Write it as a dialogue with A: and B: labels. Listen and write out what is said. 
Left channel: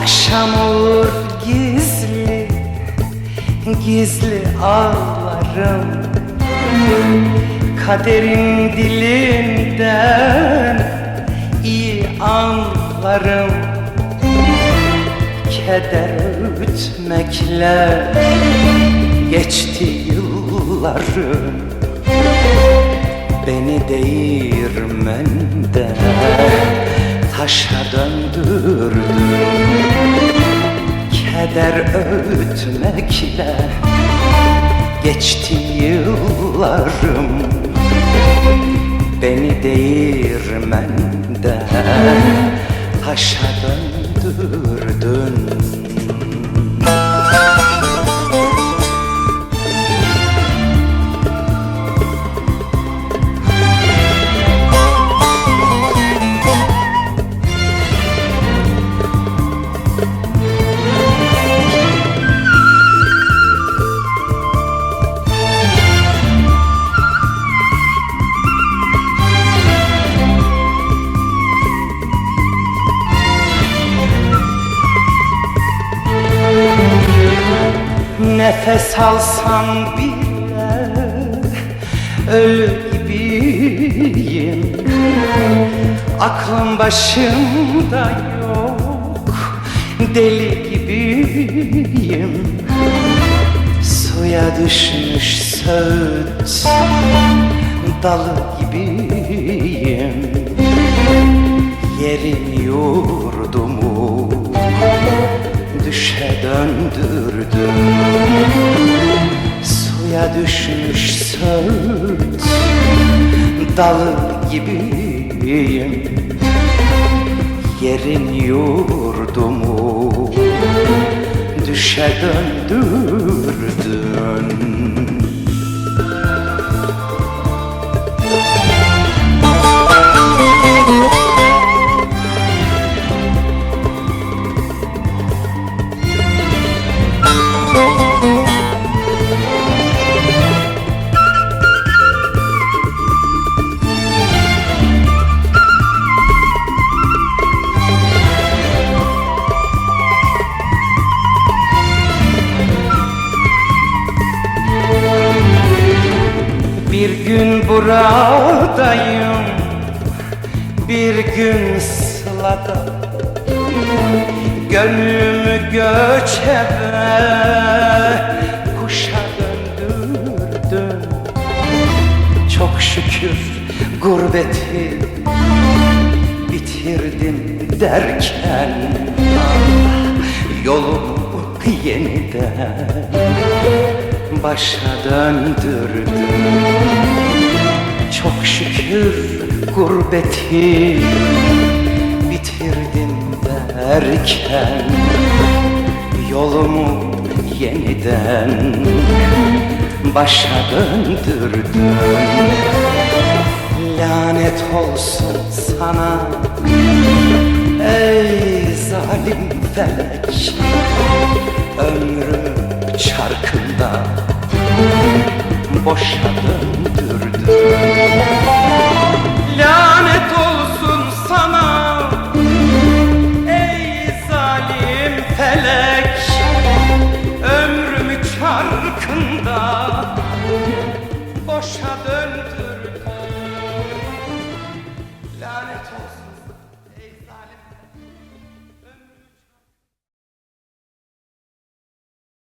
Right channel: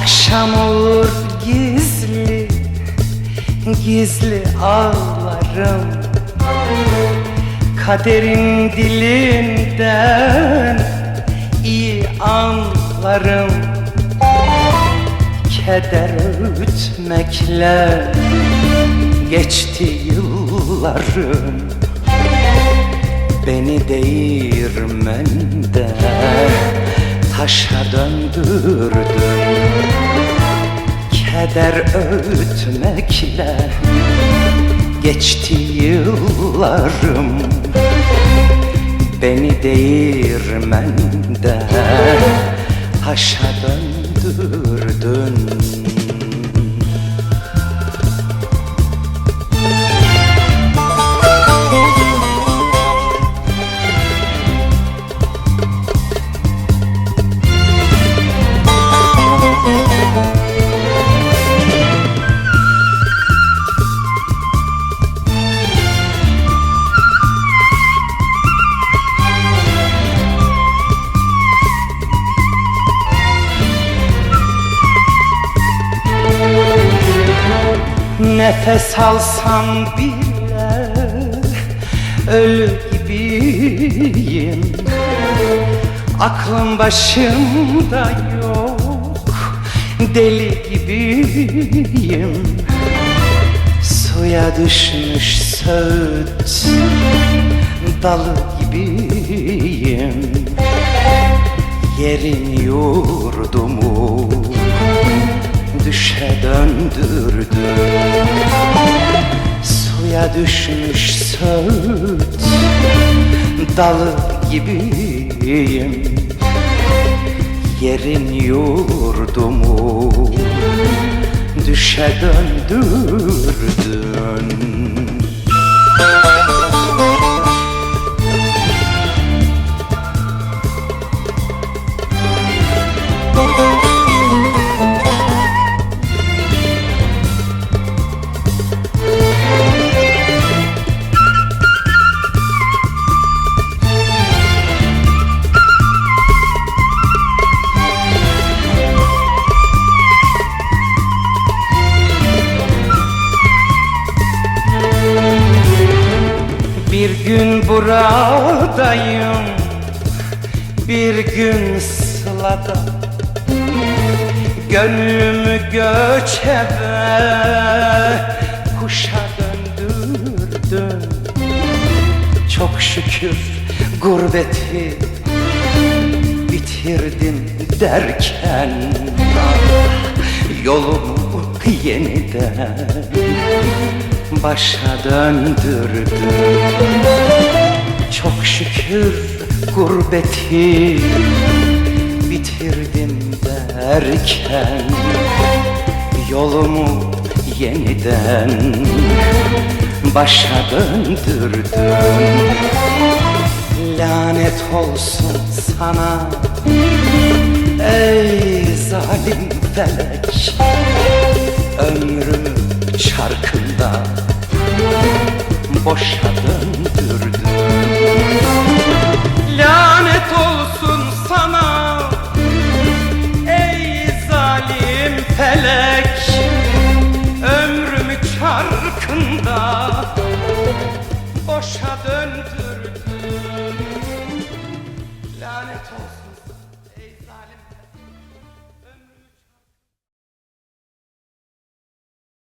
A: Akşam olur gizli Gizli ağlarım. Kaderin dilinden iyi anlarım. Keder öğütmekle geçti yıllarım. Beni değirmende taşa döndürdün Keder öğütmekle geçti yıllarım. Beni değirmende taşa döndürdün Nefes alsam bile ölü gibiyim. Aklım başımda yok deli gibiyim. Suya düşmüş söğüt dalı gibiyim. Yerin yurdumu düşe döndürdüm. Suya düşmüş söğüt dalı gibiyim. Yerin yurdumu düşe döndürdün Bir gün buradayım Bir gün sılada Gönlümü göçebe Kuşa döndürdün Çok şükür gurbeti Bitirdim derken ah, Yolumu yeniden başa döndürdüm Çok şükür gurbeti bitirdim derken Yolumu yeniden başa döndürdüm. Lanet olsun sana ey zalim felek boşa döndürdün Lanet olsun sana ey zalim felek. Ömrümü çarkında boşa döndürdün. Lanet olsun.